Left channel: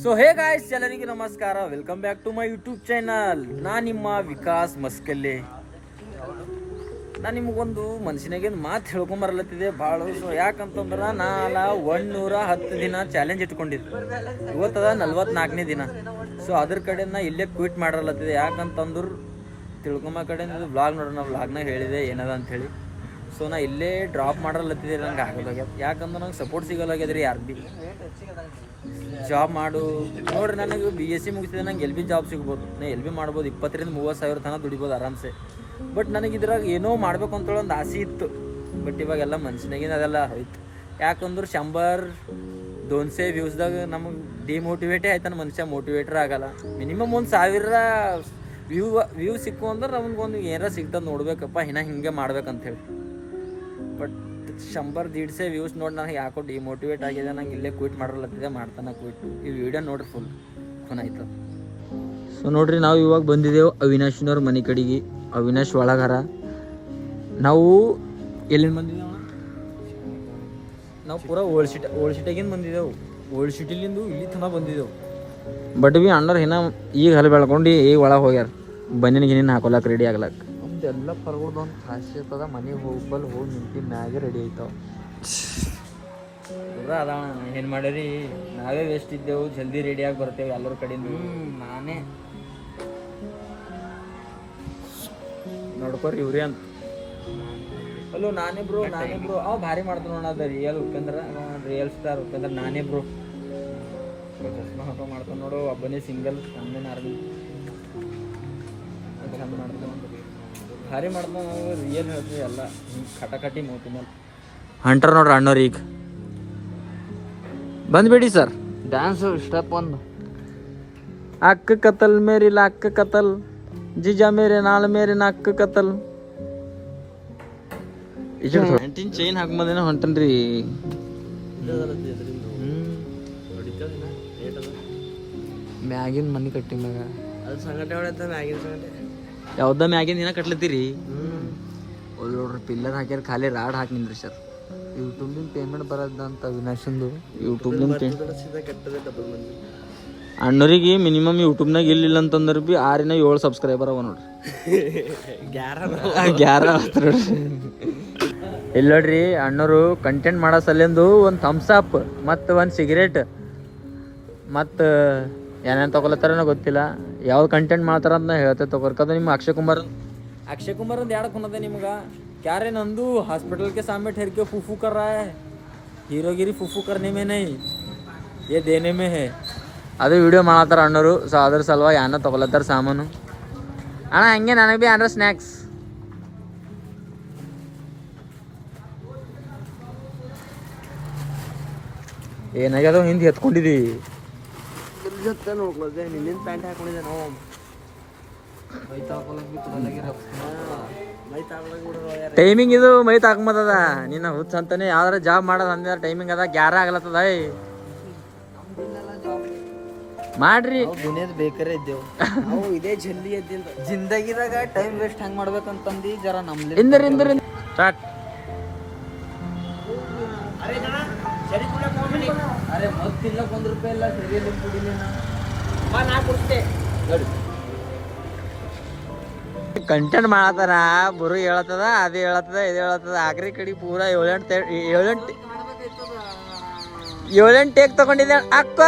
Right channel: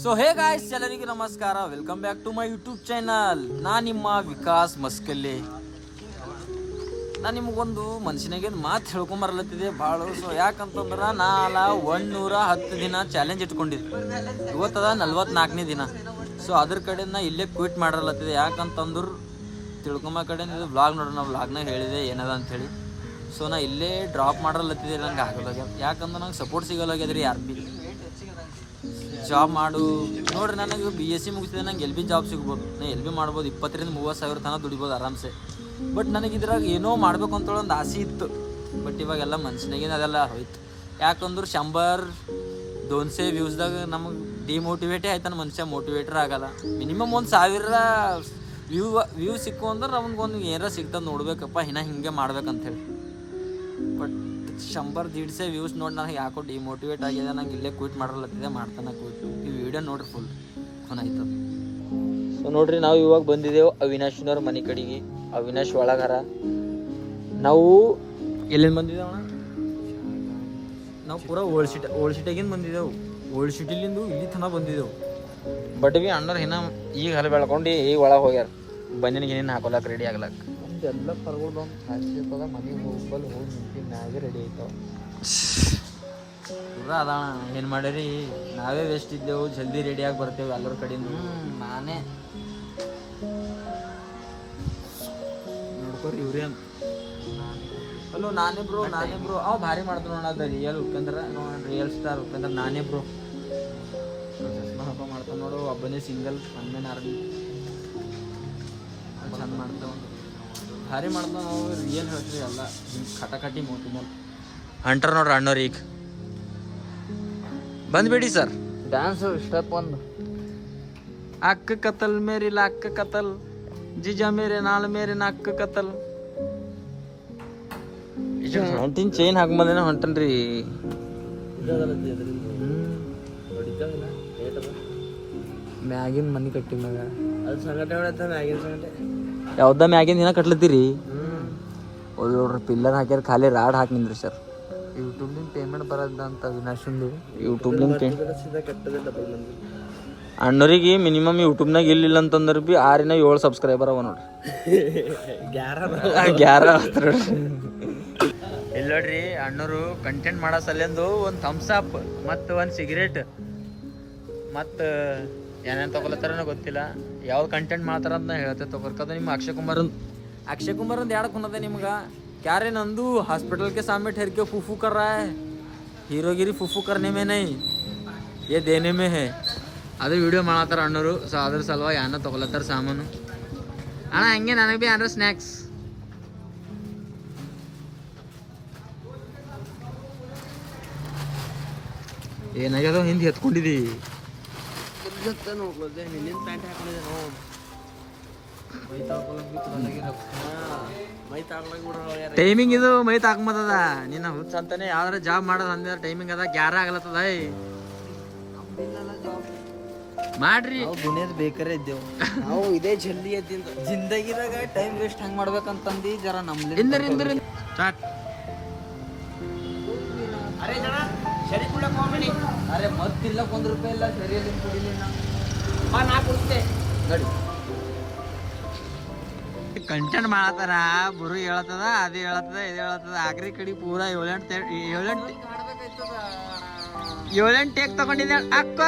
So hey guys, ಎಲ್ಲರಿಗೂ ನಮಸ್ಕಾರ. Welcome back to my YouTube channel. ನಾನು ನಿಮ್ಮ ವಿಕಾಸ್ ಮಸ್ಕಲ್ಲಿ. ನಾನು ನಿಮಗೊಂದು ಮನುಷ್ಯನಾಗೇನು ಮಾತು ಹೇಳ್ಕೊಂಬರ್ಲತ್ತಿದೆ ಭಾಳ. ಸೊ ಯಾಕಂತಂದ್ರೆ ನಾಲ 110 ದಿನ ಚಾಲೆಂಜ್ ಇಟ್ಕೊಂಡಿದ್ದೆ. ಇವತ್ತದ 44ನೇ ದಿನ. ಸೊ ಅದ್ರ ಕಡೆ ನಾ ಇಲ್ಲೇ ಕ್ವಿಟ್ ಮಾಡಿರಲತ್ತಿದೆ. ಯಾಕಂತಂದ್ರೆ ತಿಳ್ಕೊಂಬ ಕಡೆ ನೀವು ವ್ಲಾಗ್ ನೋಡೋಣ, ವ್ಲಾಗ್ನಾಗ ಹೇಳಿದೆ ಏನದ ಅಂಥೇಳಿ. ಸೊ ನಾ ಇಲ್ಲೇ ಡ್ರಾಪ್ ಮಾಡಿರಲತ್ತಿದೆ. ನಂಗೆ ಆಗಲ್ಲಾಗ್ಯದ. ಯಾಕಂದ್ರೆ ನಂಗೆ ಸಪೋರ್ಟ್ ಸಿಗಲ್ಲಾಗ್ಯದ ರೀ ಯಾರು ಭೀ. ಜಾಬ್ ಮಾಡು ನೋಡ್ರಿ, ನನಗೆ BSc ಮುಗಿಸಿದೆ, ನಂಗೆ ಎಲ್ ಬಿ ಜಾಬ್ ಸಿಗ್ಬೋದು. ನಾ ಎಲ್ ಬಿ ಮಾಡ್ಬೋದು. 20,000-30,000 ತನಕ ದುಡಿಬೋದು ಆರಾಮ್ಸೆ. ಬಟ್ ನನಗೆ ಇದ್ರಾಗ ಏನೋ ಮಾಡಬೇಕು ಅಂತೇಳಿ ಒಂದು ಆಸೆ ಇತ್ತು. ಬಟ್ ಇವಾಗೆಲ್ಲ ಮನ್ಸಿನಾಗೇನು ಅದೆಲ್ಲ ಹೋಯ್ತು. ಯಾಕಂದ್ರೆ 100-200 ವ್ಯೂಸ್ದಾಗ ನಮಗೆ ಡಿಮೋಟಿವೇಟೇ ಆಯ್ತಾನೆ ಮನುಷ್ಯ, ಮೋಟಿವೇಟರ್ ಆಗಲ್ಲ. ಮಿನಿಮಮ್ 1,000 ವ್ಯೂ ಸಿಕ್ಕು ಅಂದ್ರೆ ನಮ್ಗೊಂದು ಏನಾರ ಸಿಗ್ತದೆ ನೋಡ್ಬೇಕಪ್ಪ, ಹಿಂಗೆ ಮಾಡ್ಬೇಕಂತೇಳಿ. ಬಟ್ 100-150 ವ್ಯೂಸ್ ನೋಡಿ ನನಗೆ ಯಾಕೋ ಡಿಮೋಟಿವೇಟ್ ಆಗಿದೆ. ನಂಗೆ ಇಲ್ಲೇ ಕ್ವಿಟ್ ಮಾಡಿರಲತ್ತಿದೆ, ಮಾಡ್ತಾನೆ ಕ್ವಿಟ್. ಈ ವಿಡಿಯೋ ನೋಡ್ರಿ ಫುಲ್ ಆಯ್ತದ. ಸೊ ನೋಡ್ರಿ, ನಾವು ಇವಾಗ ಬಂದಿದ್ದೆವು ಅವಿನಾಶ್ನವ್ರ ಮನೆ ಕಡೆಗೆ. ಅವಿನಾಶ್ ಒಳಗಾರ. ನಾವು ಎಲ್ಲಿಂದ ಬಂದಿದ್ದೇವಣ? ನಾವು ಪೂರ ಓಲ್ಡ್ ಸಿಟಿಯಾಗಿಂದ ಬಂದಿದ್ದೆವು. ಓಲ್ಡ್ ಸಿಟಿಲಿಂದ ಇಲ್ಲಿ ತನಕ ಬಂದಿದ್ದೆವು. ಬಟ್ ಬಿ ಅಣ್ಣರು ಇನ್ನ ಈಗ ಹಲ್ ಬೆಳ್ಕೊಂಡು ಈಗ ಒಳಗೆ ಹೋಗ್ಯಾರ. ಬನ್ನಿನ ಗಿನ್ನಿನ ಹಾಕೊಳಕ್ಕೆ ರೆಡಿ ಆಗ್ಲಕ್ಕ. ಎಲ್ಲ ಕರ್ಕೊಂಡು ನಾವು ಮನೆಗೆ ಹೋಗಿ ನಿಂತಿನ ಮ್ಯಾಗೆ ರೆಡಿ ಆಯ್ತಾವ. ಪೂರ ಅದಣ ಏನು ಮಾಡ್ಯಾರಿ, ನಾವೇ ವೇಸ್ಟ್ ಇದ್ದೆವು. ಜಲ್ದಿ ರೆಡಿಯಾಗಿ ಬರ್ತೇವೆ ಎಲ್ಲರ ಕಡೆಯಿಂದ. ನಾನೇ ನೋಡ್ಕೊರಿ ಇವ್ರಿ ಅಂತ. ಅಲ್ಲೋ ನಾನೇ ಬ್ರೋ ಅವ ಭಾರಿ ಮಾಡ್ತಾನ ನೋಡ. ಅದ real Upendra, real star Upendra. ನಾನೇ ಬ್ರೋ ಚಸ್ಮಾ ಹಾಕೋ ಮಾಡ್ತಾನೆ ನೋಡು. ಒಬ್ಬನೇ ಸಿಂಗಲ್, ಒಂದೇ ನಾರ್ಮಲ್ ಚಂದ ಮಾಡ್ತಾವ, ಭಾರಿ ಮಾಡ್ತಾವ. ನಾವು ರಿಯಲ್ ಹೇಳ್ತೀವಿ ಎಲ್ಲ ಹಿಂಗೆ ಕಟಾಕಟಿ ಮೂತಿ ಮೇಲೆ. ಹಂಟರ್ ನೋಡ್ರಿ ಅಣ್ಣವ್ರು ಈಗ ಬಂದ್ಬೇಡಿ ಸರ್. ಡ್ಯಾನ್ಸ್ ಸ್ಟೆಪ್ ಒಂದು ಅಕ್ಕ ಕತಲ್ ಮೇರಿಲ್ಲ ಅಕ್ಕ ಕತಲ್ ಜಿಜಾ ಮೇರೆ ನಾಳೆ ಮೇರೆ ಅಕ್ಕ ಕತಲ್. ಪ್ಯಾಂಟಿನ ಚೈನ್ ಹಾಕೊಂಬಂದೇನ ಹೊಂಟನ್ರಿ. ಮ್ಯಾಗಿನ ಮನಿ ಕಟ್ಟಿ ಮ್ಯಾಗ ಅದು ಸಂಗಟೆ ಹೊಡೆದ ಮ್ಯಾಗಿನ ಸಂಗಟೆ ಯಾವ್ದ ಮ್ಯಾಗಿನ ದಿನ ಕಟ್ಲತ್ತೀರಿ. ಒಳ್ಳೊಡ್ರಿ ಪಿಲ್ಲರ್ ಹಾಕ್ಯಾರ, ಖಾಲಿ ರಾಡ್ ಹಾಕಿ ನಿಂದ್ರಿ ಸರ್. ಯೂಟ್ಯೂಬ್ಲಿಂದ ಪೇಮೆಂಟ್ ಬರೋದ ಅಂತ ಅವಿನಾಶಿಂದು. ಯೂಟ್ಯೂಬ್ಲಿಂದ ಅಣ್ಣರಿಗೆ ಮಿನಿಮಮ್ ಯೂಟ್ಯೂಬ್ನಾಗ ಇಲ್ಲಿಲ್ಲ ಅಂತಂದ್ರೆ ಭೀ 6-7 ಸಬ್ಸ್ಕ್ರೈಬರ್ ಅವ ನೋಡ್ರಿ. 11 ಇಲ್ಲ ನೋಡ್ರಿ. ಅಣ್ಣರು ಕಂಟೆಂಟ್ ಮಾಡೋ ಸಲಿಂದು ಒಂದು ಥಮ್ಸ್ ಅಪ್ ಮತ್ತು ಒಂದು ಸಿಗರೇಟ್ ಮತ್ತು ಏನೇನು ತೊಗೊಲತ್ತಾರ ಗೊತ್ತಿಲ್ಲ. ಯಾವ ಕಂಟೆಂಟ್ ಮಾಡ್ತಾರ ಅಂತ ನಾ ಹೇಳ್ತೇವೆ ತೊಗೊರ್ಕದ. ನಿಮ್ಮ ಅಕ್ಷಯ್ कुमार ಒಂದು ಎರಡು ಕುನದ ನಿಮ್ಗೆ. ಕ್ಯಾರೆ ನಂದು हॉस्पिटल के सामने ठहर के फूफू कर रहा है. हीरोगिरी फूफू करने में नहीं, ये देने में है. ಅದು ವಿಡಿಯೋ ಮಾಡತ್ತಾರ ಅಣ್ಣರು. ಸೊ ಅದ್ರ ಸಲುವಾಗಿ ಅನ್ನ ತೊಗೊಲತ್ತಾರ ಸಾಮಾನು. ಅಣ್ಣ ಹಂಗೆ ನನಗೆ ಭೀ ಏನಾರ ಸ್ನ್ಯಾಕ್ಸ್. ಏನಾಗ್ಯದ ಹಿಂದೆ ಎತ್ಕೊಂಡಿದ್ದಿ. ನೋಡ್ಕೊಳ್ದೆ ನಿನ್ನಿಂದ ಪ್ಯಾಂಟ್ ಹಾಕೊಂಡಿದ್ದೆ. ನೋ ಟೈಮಿಂಗ್ ಇದು ಮೈ ತಾಕೊಂಬತ್ತದ. ನಿನ್ನ ಹುಚ್ಚ ಅಂತಾನೆ ಯಾವ್ದಾರ ಜಾಬ್ ಮಾಡೋದು ಅಂದ ಟೈಮಿಂಗ್ ಅದ. 11 ಆಗ್ಲತ್ತದ. ಮಾಡ್ರಿ ದುನಿಯದ ಬೇಕರೇ ಇದ್ದೇವು ನಾವು. ಇದೇ ಜಲ್ದಿ ಎದ್ದಿಂದ ಜಿಂದಗಿದಾಗ ಟೈಮ್ ವೇಸ್ಟ್ ಹೆಂಗ್ ಮಾಡ್ಬೇಕಂತಂದು ಜರ ನಮ್ದು ಸ್ಟಾರ್ಟ್. ಅರೆ ಮತ್ತಿಲ್ಲ ₹1 ಇಲ್ಲ ಸರಿಯಲ್ಲಿ ಕುಡಿಲಿ. ನಾ ಕೊಡ್ತೆ ನೋಡಿ. ಕಂಟೆಂಟ್ ಮಾಡತ್ತಾರ, ಬರು ಹೇಳತ್ತದ, ಅದೇ ಹೇಳತ್ತದ, ಇದು ಹೇಳತ್ತದ. ಆಕ್ರಿ ಕಡೆ ಪೂರ 7-8 ಟೇಕ್ ತಗೊಂಡಿದ್ದೆ ಅಕ್ಕ.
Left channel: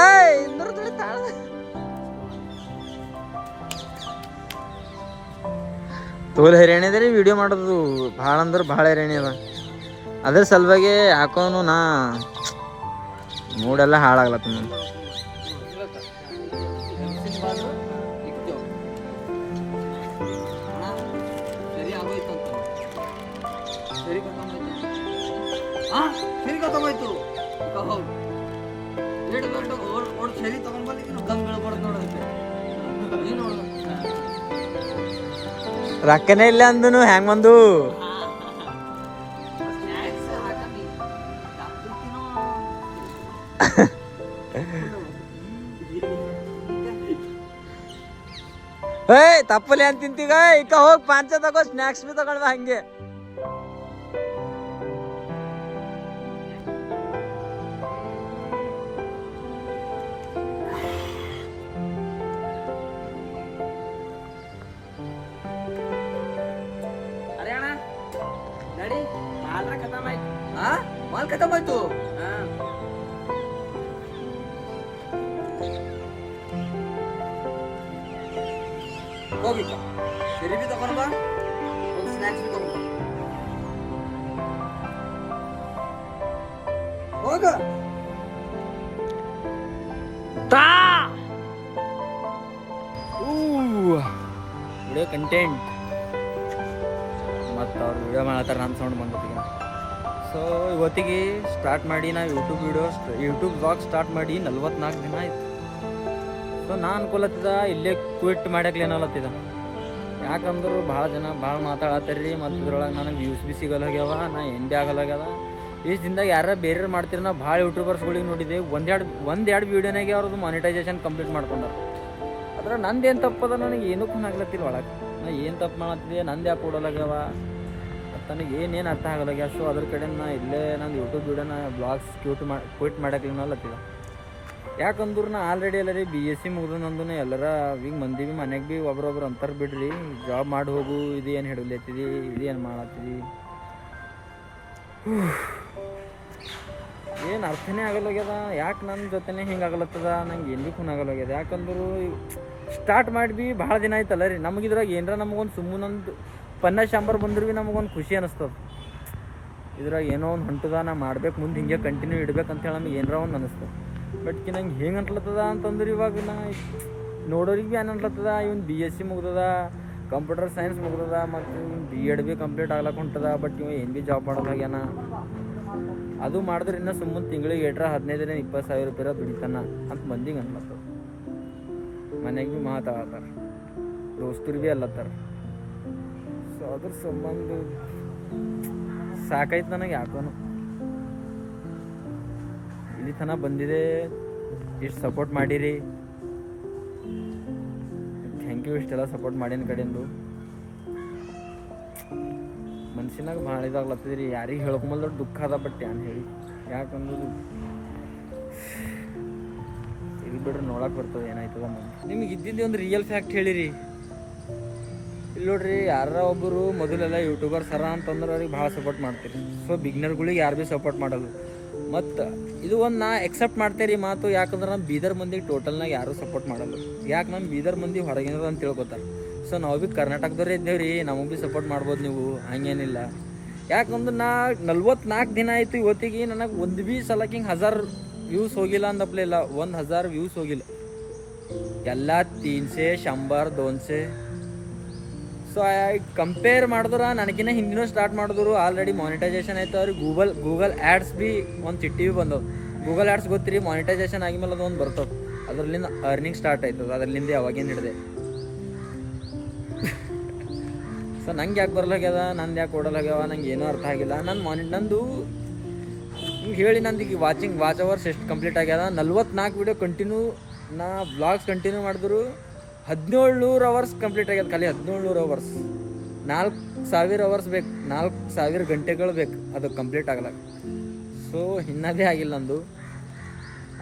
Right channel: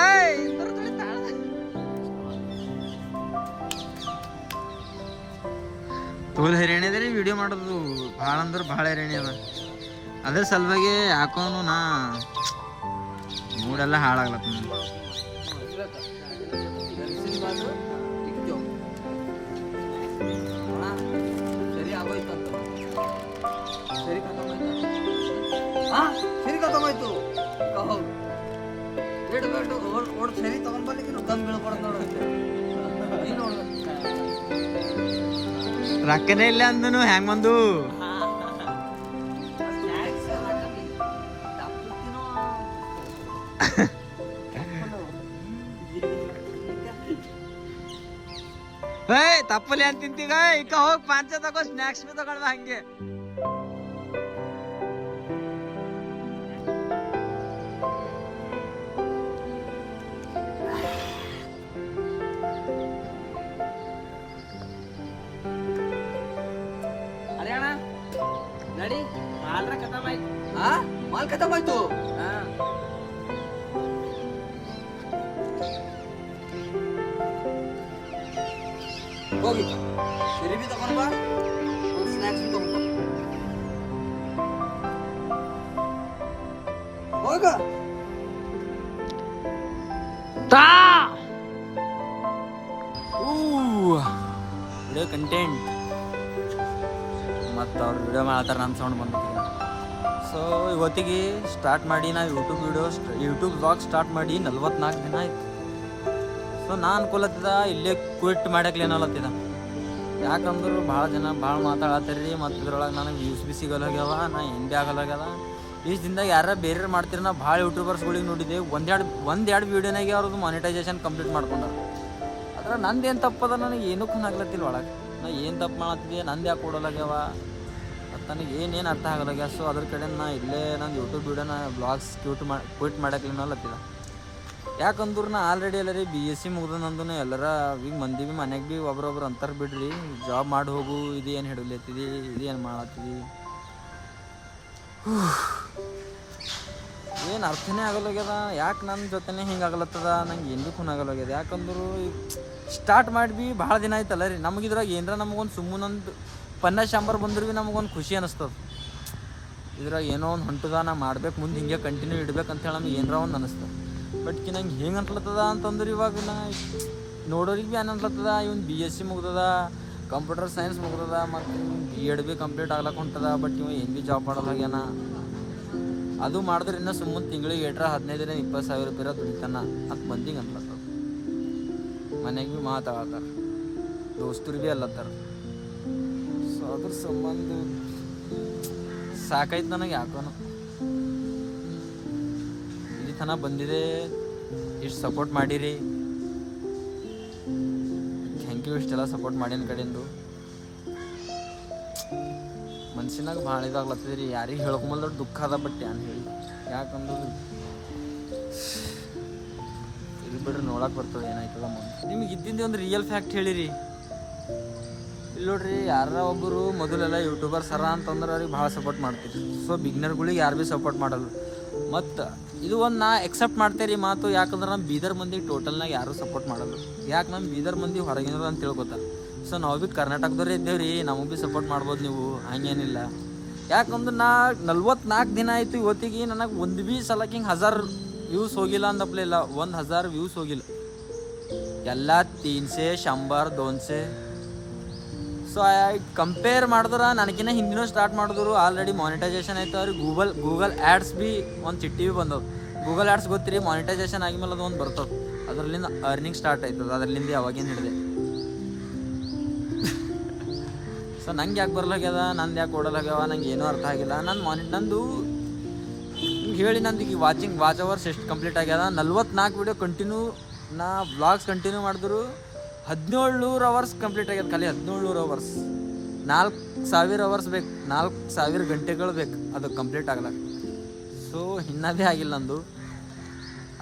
ತೋಲ್ ಹೈರಾಣಿ ಅದ ರೀ ವಿಡಿಯೋ ಮಾಡೋದು. ಭಾಳ ಅಂದ್ರೆ ಭಾಳ ಹೈರಾಣಿ ಅದ. ಅದ್ರ ಸಲುವಾಗಿ ಹಾಕೋನು ನಾ ಮೂಡೆಲ್ಲ ಹಾಳಾಗ್ಲತ್ತ ನಾನು. ಸರಿ ಖತಮಾಯ್ತು. ಸರಿ ತಗೊಂಡ್ಬರ್ಲಿಕ್ಕೆ ದಮ್ ಬೀಳ್ಬಾರ್ದು ನೋಡಂತೆ. ನೀನು ನೋಡ್ಬೇಕು. ರೊಕ್ಕನೇ ಇಲ್ಲ ಅಂದನು ಹ್ಯಾಂಗ ಬಂದು. ತಪ್ಪಲಿ ಅಂತ ತಿಂತೀಗ ಈಗ ಹೋಗಿ ಪಾಂಚ ತಗೋ, ಸ್ನ್ಯಾಕ್ಸ್ ಬಿ ತಗೊಂಡ ಹಂಗೆ. ಗಾಡಿ ಮಾಲ್ರ ಖತಮ್ ಆಯ್ತು. ಮಾಲ್ ಖತಮ್ ಆಯ್ತು. ಹೋಗಿ ಸರಿ ಬಿ ತಗೊಂಡ್ ಬಾ, ಒಂದು ಸ್ನ್ಯಾಕ್ಸ್ ಬಿ ತಗೊಂಡ್ ಬಾ. ಹೋಗ ವಿಡಿಯೋ ಕಂಟೆಂಟ್ ಮತ್ತು ಅವ್ರು ವಿಡಿಯೋ ಮಾಡ್ತಾರೆ, ನನ್ನ ಸೌಂಡ್ ಬಂದತ್ತೀಗ. ಸೊ ಇವತ್ತಿಗೆ ಸ್ಟಾರ್ಟ್ ಮಾಡಿ ನಾ ಯೂಟ್ಯೂಬ್ ವ್ಲಾಗ್ ಸ್ಟಾರ್ಟ್ ಮಾಡಿ 44 ದಿನ ಆಯ್ತು. ಸೊ ನಾ ಅನ್ಕೊಲತ್ತಿದ ಇಲ್ಲೇ ಕ್ವಿಟ್ ಮಾಡಕ್ಕೆ ಏನಲ್ಲತ್ತಿದ. ಯಾಕಂದ್ರೆ ಭಾಳ ಜನ ಭಾಳ ಮಾತಾಡತ್ತಾರ ರೀ, ಮತ್ತು ಇದ್ರೊಳಗೆ ನನಗೆ ವ್ಯೂಸ್ ಬಿ ಸಿಗಲ್ಲ ಹೋಗ್ಯಾವ, ನಾ ಏನು ಭೀ ಆಗಲ್ಲ ಹೋಗ್ಯದ. ಇಷ್ಟು ದಿನದಾಗ ಯಾರು ಬೇರೆ ಮಾಡ್ತೀರಿ, ನಾ ಭಾಳ ಯೂಟ್ಯೂಬರ್ಸ್ಗಳಿಗೆ ನೋಡಿದ್ದೆ, ಒಂದೆರಡು ವೀಡಿಯೋನಾಗೆ ಅವ್ರದ್ದು ಮಾನಿಟೈಸೇಷನ್ ಕಂಪ್ಲೀಟ್ ಮಾಡ್ಕೊಂಡಾರ. ಅದ್ರ ನಂದೇನು ತಪ್ಪದ ನನಗೆ ಏನೂ ಆಗ್ಲತ್ತಿಲ್ಲ ಒಳಗೆ. ನಾ ಏನು ತಪ್ಪು ಮಾಡತ್ತಿದ್ದೆ, ನಂದು ಯಾಕೆ ಕೊಡೋಲಾಗ್ಯಾವ ಮತ್ತು ನನಗೆ ಏನೇನು ಅರ್ಥ ಆಗಲ್ಲಾಗ್ಯ. ಸೊ ಅದ್ರ ಕಡೆ ನಾ ಇಲ್ಲೇ ನಂದು ಯೂಟ್ಯೂಬ್ ವೀಡಿಯೋನ ಬ್ಲಾಗ್ಸ್ ಕ್ವಿಟ್ ಮಾಡಕ್ಲಿನಲ್ಲತ್ತಿದ. ಯಾಕಂದ್ರೆ ನಾ ಆಲ್ರೆಡಿ ಎಲ್ಲರಿ BSc ಮುಗ್ದು ನಂದು ಎಲ್ಲರ ಈಗ ಮಂದಿ ಭೀ ಮನೆಗೆ ಭೀ ಒಬ್ರೊಬ್ರು ಅಂತಾರೆ ಬಿಡ್ರಿ, ಜಾಬ್ ಮಾಡಿ ಹೋಗು, ಇದು ಏನು ಹಿಡಿಲತ್ತಿದಿ, ಇದು ಏನು ಮಾಡತ್ತಿದಿ, ಏನು ಅರ್ಥನೇ ಆಗಲ್ಲಾಗ್ಯದ. ಯಾಕೆ ನನ್ನ ಜೊತೆನೇ ಹಿಂಗೆ ಆಗಲತ್ತದ, ನಂಗೆ ಏನು ಭೀ ಆಗಲ್ಲಾಗ್ಯದ. ಯಾಕಂದ್ರೆ ಸ್ಟಾರ್ಟ್ ಮಾಡಿ ಭೀ ಭಾಳ ದಿನ ಆಯ್ತಲ್ಲ ರೀ. ನಮಗಿದ್ರಾಗ ಏನರ ನಮಗೊಂದು ಸುಮ್ಮನೊಂದು ಶಾಂಬರ್ ಬಂದ್ರೆ ಭೀ ನಮಗೊಂದು ಖುಷಿ ಅನ್ನಿಸ್ತದೆ. ಇದ್ರಾಗ ಏನೋ ಒಂದು ಹೊಂಟದ, ನಾ ಮಾಡ್ಬೇಕು, ಮುಂದೆ ಹಿಂಗೆ ಕಂಟಿನ್ಯೂ ಇಡ್ಬೇಕಂತೇಳಿ ನಮ್ಗೆ ಏನರ ಒಂದು ಅನ್ನಿಸ್ತದೆ. ಬಟ್ ನಂಗೆ ಹೆಂಗೆ ಅನ್ಲತ್ತದ ಅಂತಂದ್ರೆ ಇವಾಗ ನಾ ನೋಡೋರಿಗೆ ಭೀ ಏನು ಅನ್ಲತ್ತದ, ಇವ್ನು BSc ಮುಗ್ದದ, ಕಂಪ್ಯೂಟರ್ ಸೈನ್ಸ್ ಮುಗ್ದದ, ಮತ್ತು ಇವ್ನು B.Ed ಭೀ ಕಂಪ್ಲೀಟ್ ಆಗ್ಲಕ್ಕೆ ಹೊಂಟದ, ಬಟ್ ಇವ ಏನು ಭೀ ಜಾಬ್ ಮಾಡೋಲಾಗ್ಯಾನ. ಅದು ಮಾಡಿದ್ರೆ ಇನ್ನೂ ಸುಮ್ಮನೆ ತಿಂಗಳಿಗೆ 15,000-20,000 ರೂಪಾಯಿ ದುಡಿತಾನ ಅಂತ ಮಂದಿಗೆ ಅನ್ಲತ್ತದ. ಮನೆಗೆ ಭೀ ಮಾತಾಡ್ತಾರೆ, ದೋಸ್ತರು ಭೀ ಅಲ್ಲತ್ತಾರ. ಸೊ ಅದ್ರ ಸಂಬಂಧ ಸಾಕಾಯ್ತು ನನಗೆ. ಯಾಕೋನು ಇಲ್ಲಿ ತನಕ ಬಂದಿದೆ, ಇಷ್ಟು ಸಪೋರ್ಟ್ ಮಾಡಿರಿ, ಥ್ಯಾಂಕ್ ಯು. ಇಷ್ಟೆಲ್ಲ ಸಪೋರ್ಟ್ ಮಾಡಿನ ಕಡೆಯಿಂದ ಮನ್ಸಿನಾಗ ಭಾಳ ಇದಾಗ್ಲತ್ತದ ರೀ. ಯಾರಿಗೆ ಹೇಳ್ಕೊಂಬಲ್ದ ದುಃಖ ಅದ, ಬಟ್ ಏನು ಹೇಳಿ. ಯಾಕಂದ್ರೆ ಇಲ್ಲಿ ಬಿಡ್ರಿ ನೋಡಕ್ಕೆ ಬರ್ತದೆ ಏನಾಯ್ತದ ಮುಂದೆ. ನಿಮ್ಗೆ ಇದ್ದಿದ್ದೆ ಒಂದು ರಿಯಲ್ ಫ್ಯಾಕ್ಟ್ ಹೇಳಿರಿ. ಇಲ್ಲಿ ನೋಡ್ರಿ, ಯಾರ ಒಬ್ಬರು ಮೊದಲೆಲ್ಲ ಯೂಟ್ಯೂಬರ್ಸ್ ಅರ ಅಂತಂದ್ರೆ ಅವ್ರಿಗೆ ಭಾಳ ಸಪೋರ್ಟ್ ಮಾಡ್ತೀರಿ. ಸೊ ಬಿಗ್ನರ್ಗಳಿಗೆ ಯಾರು ಭೀ ಸಪೋರ್ಟ್ ಮಾಡಲ್ಲ. ಮತ್ತು ಇದು ಒಂದು ನಾ ಎಕ್ಸೆಪ್ಟ್ ಮಾಡ್ತೇರಿ ಮಾತು. ಯಾಕಂದ್ರೆ ನಮ್ಮ ಬೀದರ್ ಮಂದಿಗೆ ಟೋಟಲ್ನಾಗ ಯಾರೂ ಸಪೋರ್ಟ್ ಮಾಡಲ್ಲ. ಯಾಕೆ ನಮ್ಮ ಬೀದರ್ ಮಂದಿ ಹೊರಗಿನರು ಅಂತ ತಿಳ್ಕೊತಾರೆ. ಸೊ ನಾವು ಭೀ ಕರ್ನಾಟಕದವ್ರೇ ಇದ್ದೇವೆ ರೀ, ನಮಗೆ ಭೀ ಸಪೋರ್ಟ್ ಮಾಡ್ಬೋದು ನೀವು, ಹಂಗೇನಿಲ್ಲ. ಯಾಕಂದ್ರೆ ನಾ 44 ದಿನ ಆಯಿತು ಇವತ್ತಿಗೆ ನನಗೆ ಒಂದು ಭೀ ಸಲಕ್ಕೆ ಹಿಂಗೆ 1000 ವ್ಯೂಸ್ ಹೋಗಿಲ್ಲ ಅಂದಪ್ಲೆ ಇಲ್ಲ, 1000 ವ್ಯೂಸ್ ಹೋಗಿಲ್ಲ. ಎಲ್ಲ 300, 100, 200. ಸೊ ಕಂಪೇರ್ ಮಾಡಿದ್ರೆ ನನಗಿನ್ನ ಹಿಂದಿನೂ ಸ್ಟಾರ್ಟ್ ಮಾಡಿದ್ರು, ಆಲ್ರೆಡಿ ಮಾನಿಟೈಸೇಷನ್ ಆಯ್ತು. ಅವ್ರಿಗೆ ಗೂಗಲ್ ಆ್ಯಡ್ಸ್ ಭೀ ಒಂದು ಚಿಟ್ಟಿ ಭೀ ಬಂದವು. ಗೂಗಲ್ ಆ್ಯಡ್ಸ್ ಗೊತ್ತಿರಿ, ಮಾನಿಟೈಸೇಷನ್ ಆಗಿದ್ಮೇಲೆ ಅದು ಒಂದು ಬರ್ತದೆ, ಅದರಲ್ಲಿಂದ ಅರ್ನಿಂಗ್ ಸ್ಟಾರ್ಟ್ ಆಯ್ತದ. ಅದರಲ್ಲಿಂದ ಯಾವಾಗೇನು ಹಿಡಿದೆ. ಸೊ ನಂಗೆ ಯಾಕೆ ಬರಲಾಗ್ಯದ, ನಂದು ಯಾಕೆ ಕೊಡಲಾಗ್ಯಾವ, ನಂಗೆ ಏನೂ ಅರ್ಥ ಆಗಿಲ್ಲ. ನಂದು ಹಿಂಗೆ ಹೇಳಿ ನಂದು ಈಗ ವಾಚ್ ಅವರ್ಸ್ ಎಷ್ಟು ಕಂಪ್ಲೀಟ್ ಆಗ್ಯದ. 44 ವೀಡಿಯೋ ಕಂಟಿನ್ಯೂ ನಾ ವ್ಲಾಗ್ಸ್ ಕಂಟಿನ್ಯೂ ಮಾಡಿದ್ರು 1700 ಅವರ್ಸ್ ಕಂಪ್ಲೀಟ್ ಆಗ್ಯದ. ಖಾಲಿ 1700 ಅವರ್ಸ್, 4000 ಅವರ್ಸ್ ಬೇಕು, 4000 ಗಂಟೆಗಳು ಬೇಕು ಅದು ಕಂಪ್ಲೀಟ್ ಆಗ್ಲಾಕ. ಸೊ ಇನ್ನೂ ಭೀ ಆಗಿಲ್ಲ ನಂದು.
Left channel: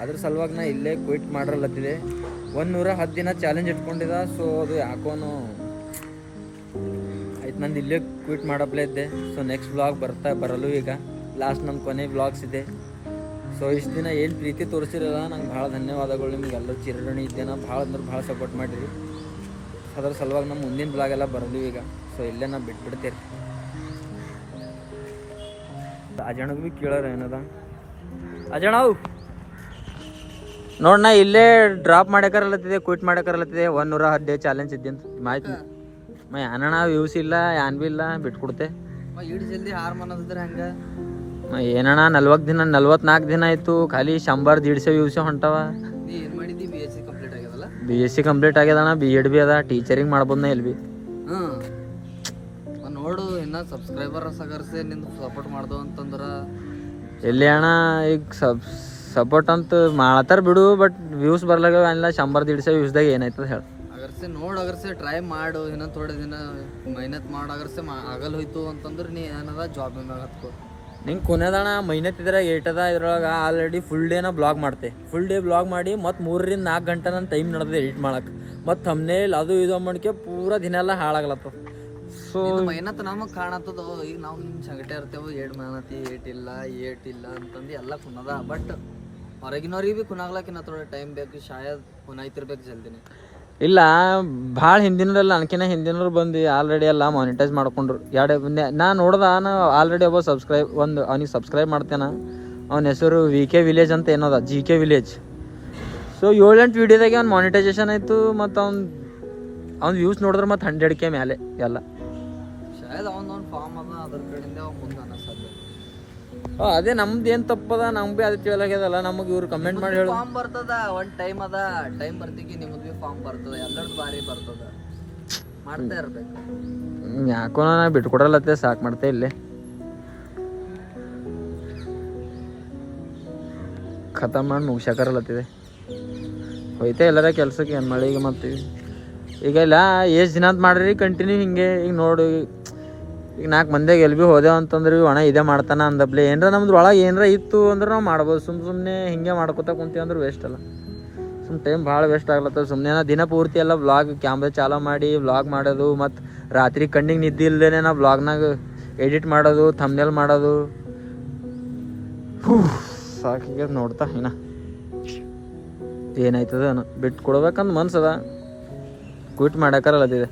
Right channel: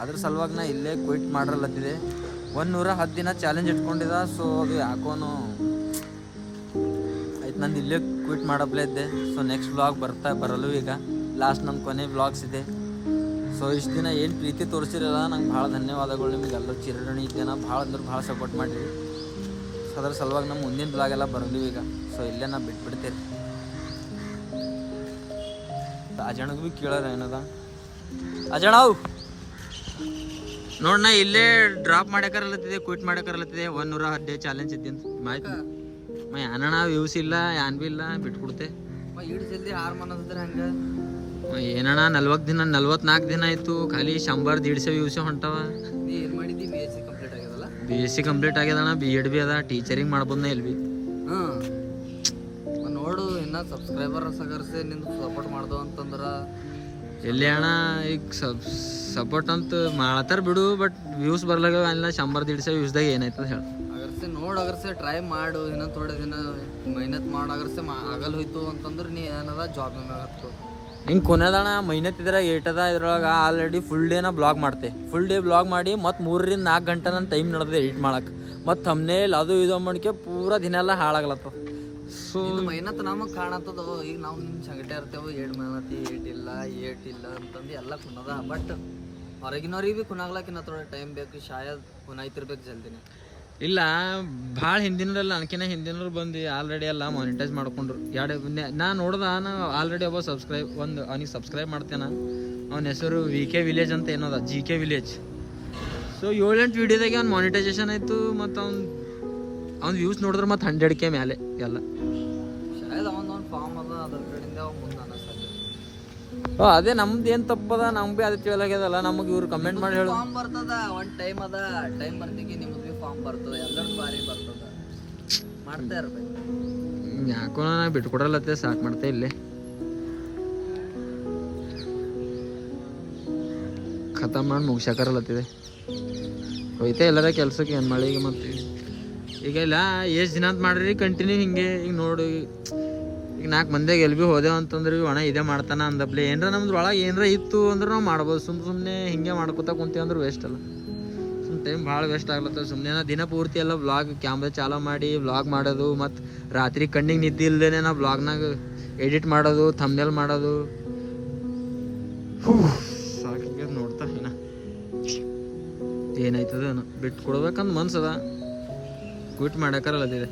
ಅದ್ರ ಸಲುವಾಗಿ ನಾ ಇಲ್ಲೇ ಕ್ವಿಟ್ ಮಾಡಿರಲತ್ತಿದೆ. 110 ದಿನ ಚಾಲೆಂಜ್ ಇಟ್ಕೊಂಡಿದ್ದ. ಸೊ ಅದು ಯಾಕೋನು ಆಯ್ತು, ನಂದು ಇಲ್ಲೇ ಕ್ವಿಟ್ ಮಾಡಪ್ಲೇ ಇದ್ದೆ. ಸೊ ನೆಕ್ಸ್ಟ್ ವ್ಲಾಗ್ ಬರಲು ಈಗ ಲಾಸ್ಟ್ ನಮ್ಮ ಕೊನೆ ವ್ಲಾಗ್ಸ್ ಇದೆ. ಸೊ ಇಷ್ಟು ದಿನ ಏನು ಪ್ರೀತಿ ತೋರಿಸಿರಲ್ಲ, ನಂಗೆ ಭಾಳ ಧನ್ಯವಾದಗಳು. ನಿಮಗೆಲ್ಲರೂ ಚಿರಋಣಿ ಇದ್ದೇನೆ, ಭಾಳ ಅಂದ್ರೆ ಭಾಳ ಸಪೋರ್ಟ್ ಮಾಡಿರಿ. ಅದ್ರ ಸಲುವಾಗಿ ನಮ್ಮ ಮುಂದಿನ ಬ್ಲಾಗ್ ಎಲ್ಲ ಬರಲು ಈಗ. ಸೊ ಇಲ್ಲೇ ನಾ ಬಿಟ್ಬಿಡ್ತೇರಿ. ಅಜಣಗೂ ಭೀ ಕೇಳೋರು ಏನದ, ಅಜಣವು ನೋಡ್, ನಾ ಇಲ್ಲೇ ಡ್ರಾಪ್ ಮಾಡಕರಲತ್ತಿದೆ, ಕ್ವಿಟ್ ಮಾಡಕರಲತ್ತಿದೆ. 110 ಡೇ ಚಾಲೆಂಜ್ ಇದ್ದಂತ ಮಾಹಿತಿ ಏನಣ್ಣ ವ್ಯೂಸ್ ಇಲ್ಲ, ಏನ್ ಭೀ ಇಲ್ಲ, ಬಿಟ್ಕೊಡ್ತೆ. ಇಷ್ಟು ಜಲ್ದಿ ಹಾರ್ ಮನೋದಿದ್ರೆ ಹಂಗೆ ಏನಣ್ಣ 44 ದಿನ ಆಯ್ತು, ಖಾಲಿ 100-150 ವ್ಯೂಸ್ ಹೊಂಟವ. ನೀ ಏನು ಮಾಡಿದ್ದಿ? BSc ಕಂಪ್ಲೀಟ್ ಆಗ್ಯದಲ್ಲ? BSc ಕಂಪ್ಲೀಟ್ ಆಗ್ಯದಣ್ಣ, B.Ed ಭೀ ಅದ, ಟೀಚರಿಂಗ್ ಮಾಡ್ಬೋದ್ನ ಎಲ್ಲಿ ಭೀ. ನೋಡು, ಇನ್ನು ಸಬ್ಸ್ಕ್ರೈಬರ್ ಸಗರ್ಸೆ ನಿಂದು ಸಪೋರ್ಟ್ ಮಾಡ್ದೋ ಅಂತಂದ್ರೆ ಎಲ್ಲಿ ಅಣ್ಣ ಈಗ ಸಪೋರ್ಟ್ ಅಂತ ಮಾಡ್ತಾರ ಬಿಡು, ಬಟ್ ವ್ಯೂಸ್ ಬರ್ಲಾಗ ಇಲ್ಲ. 100-150 ವ್ಯೂಸ್ದಾಗ ಏನಾಯ್ತದ ಹೇಳಿ. ಅಗರ್ಸೆ ಟ್ರೈ ಮಾಡು, ಇನ್ನೊಂದು ಥೋಡೆ ದಿನ ಮೆಹನತ್ ಮಾಡಿ. ಅಗರ್ಸೆ ಆಗಲ್ ಹೋಯ್ತು ಅಂತಂದ್ರೆ ನೀ ಏನದ ಜಾಬ್ ಮ್ಯಾಗ ಹತ್ಕೋ. ಹಿಂಗೆ ಕೊನೆದಣ ಮೆಹನತ್ ಇದ್ರಾಗ ಏಟದ. ಇದ್ರೊಳಗೆ ಆಲ್ರೆಡಿ ಫುಲ್ ಡೇನ ಬ್ಲಾಗ್ ಮಾಡ್ತೆ. ಫುಲ್ ಡೇ ಬ್ಲಾಗ್ ಮಾಡಿ ಮತ್ತು 3-4 ಗಂಟೆ ನನ್ನ ಟೈಮ್ ನಡೆದಿದೆ ಎಡಿಟ್ ಮಾಡಕ್ಕೆ. ಮತ್ತು ಥಂಬ್ನೇಲ್ ಅದು ಇದು ಮಾಡ್ಕೆ ಪೂರಾ ದಿನ ಎಲ್ಲ ಹಾಳಾಗ್ಲತ್ತವ. ಸೊ ಮೆಹನತ್ ನಮಗೆ ಕಾಣತ್ತದ. ಈಗ ನಾವು ನಿಮ್ಮ ಸಂಗಟೆ ಇರ್ತೇವೆ, ಏಟ್ ಮೆಹನತಿ ಏಟ್ ಇಲ್ಲ ಅಂತಂದು ಎಲ್ಲ ಕುನ್ನದ. ಬಟ್ ಹೊರಗಿನವ್ರಿಗೆ ಭೀ ಕುನಾಗ್ಲಕ್ಕಿನ್ನ ಥೋಡೆ ಟೈಮ್ ಬೇಕು, ಶಾಯದ್ ಕುನಾಯ್ತಿರ್ಬೇಕು ಜಲ್ದಿನೇ. ಇಲ್ಲ ಭಾಳ ಹಿಂದಿನಲ್ಲ ಅನ್ಕಿನ ಹಿಂದಿನವ್ರು ಬಂದು ಆಲ್ರೆಡಿ ಎಲ್ಲ ಮಾನಿಟೈಸ್ ಮಾಡ್ಕೊಂಡ್ರು. ನಾ ನೋಡ್ದ ಆಲ್ರೆಡಿ ಒಬ್ಬ ಅವ್ನಿಗೆ ಸಬ್ಸ್ಕ್ರೈಬ್ ಮಾಡ್ತೇನೆ. ಅವನ ಹೆಸರು VK ವಿಲೇಜ್ ಅಂತ ಏನೋದ, GK ವಿಲೇಜ್. ಸೊ 7-8 ವೀಡಿಯೋದಾಗೆ ಅವ್ನು ಮಾನಿಟೈಸೇಷನ್ ಆಯಿತು. ಮತ್ತು ಅವ್ನು ವ್ಯೂಸ್ ನೋಡಿದ್ರೆ ಮತ್ತು 100K ಮೇಲೆ ಎಲ್ಲ. ಶಾಯದ್ ಅವನೊಂದು ಫಾರ್ಮ್ ಅದ, ಅದ್ರ ಕಡೆಯಿಂದ ಅವ್ ಮುಂದೆ ಅನ್ನಿಸ್ತದೆ. ಅದೇ ನಮ್ದು ಏನು ತಪ್ಪದ, ನಮ್ಗೆ ಭೀ ಅದು ತಿಳಿಯಾಗ್ಯದಲ್ಲ. ನಮಗೆ ಇವ್ರು ಕಮೆಂಟ್ ಮಾಡಿ ಹೇಳು. ಫಾರ್ಮ್ ಬರ್ತದ, ಒಂದು ಟೈಮ್ ಅದ, ಟೈಮ್ ಬರ್ತಿಗೆ ನಿಮ್ಮದು ಭೀ ಫಾರ್ಮ್ ಬರ್ತದ, ಎಲ್ಲರದ್ದು ಭಾರಿ ಬರ್ತದ. ಮಾಡ್ತಾ ಇರ್ಬೇಕು. ಯಾಕೋ ನಾ ಬಿಟ್ಕೊಡಲ್ಲತ್ತೆ, ಸಾಕು ಮಾಡ್ತೆ ಇಲ್ಲೇ ಖತಮ್ ಮಾಡಿ ಮುಗಿಸಾಕರಲ್ಲತ್ತಿದೆ. ಹೋಯ್ತೆ ಎಲ್ಲರ ಕೆಲ್ಸಕ್ಕೆ ಏನು ಮಳೆಗೆ. ಮತ್ತು ಈಗ ಇಲ್ಲ ಎಷ್ಟು ದಿನ ಅಂತ ಮಾಡ್ರಿ ಕಂಟಿನ್ಯೂ ಹಿಂಗೆ. ಈಗ ನೋಡು, ಈಗ 4 ಮಂದಿಗೆ ಎಲ್ಲಿ ಭೀ ಹೋದೆವು ಅಂತಂದ್ರೆ ಒಣ ಇದೇ ಮಾಡ್ತಾನೆ ಅಂದಪ್ಲೆ. ಏನರ ನಮ್ದು ಒಳಗೆ ಏನರ ಇತ್ತು ಅಂದ್ರೆ ನಾವು ಮಾಡ್ಬೋದು. ಸುಮ್ಮನೆ ಹಿಂಗೆ ಮಾಡ್ಕೊತಾ ಕುಂತೀವಿ ಅಂದ್ರೆ ವೇಸ್ಟ್ ಅಲ್ಲ. ಟೈಮ್ ಭಾಳ ವೇಸ್ಟ್ ಆಗ್ಲತ್ತದ. ಸುಮ್ಮನೆ ನಾ ದಿನ ಪೂರ್ತಿ ಎಲ್ಲ ವ್ಲಾಗ್ ಕ್ಯಾಮ್ರಾ ಚಾಲೂ ಮಾಡಿ ವ್ಲಾಗ್ ಮಾಡೋದು, ಮತ್ತು ರಾತ್ರಿ ಕಣ್ಣಿಗೆ ನಿದ್ದೆ ಇಲ್ಲದೇ ನಾ ವ್ಲಾಗ್ನಾಗ ಎಡಿಟ್ ಮಾಡೋದು, ಥಂಬ್ನೇಲ್ ಮಾಡೋದು. ಸಾಕಿಗೆ ನೋಡ್ತಾ ಇನ್ನ ಏನಾಯ್ತದ ಬಿಟ್ಟು ಕೊಡ್ಬೇಕಂತ ಮನ್ಸದ, ಕ್ವಿಟ್ ಮಾಡಾಕರಲ್ಲದಿದೆ.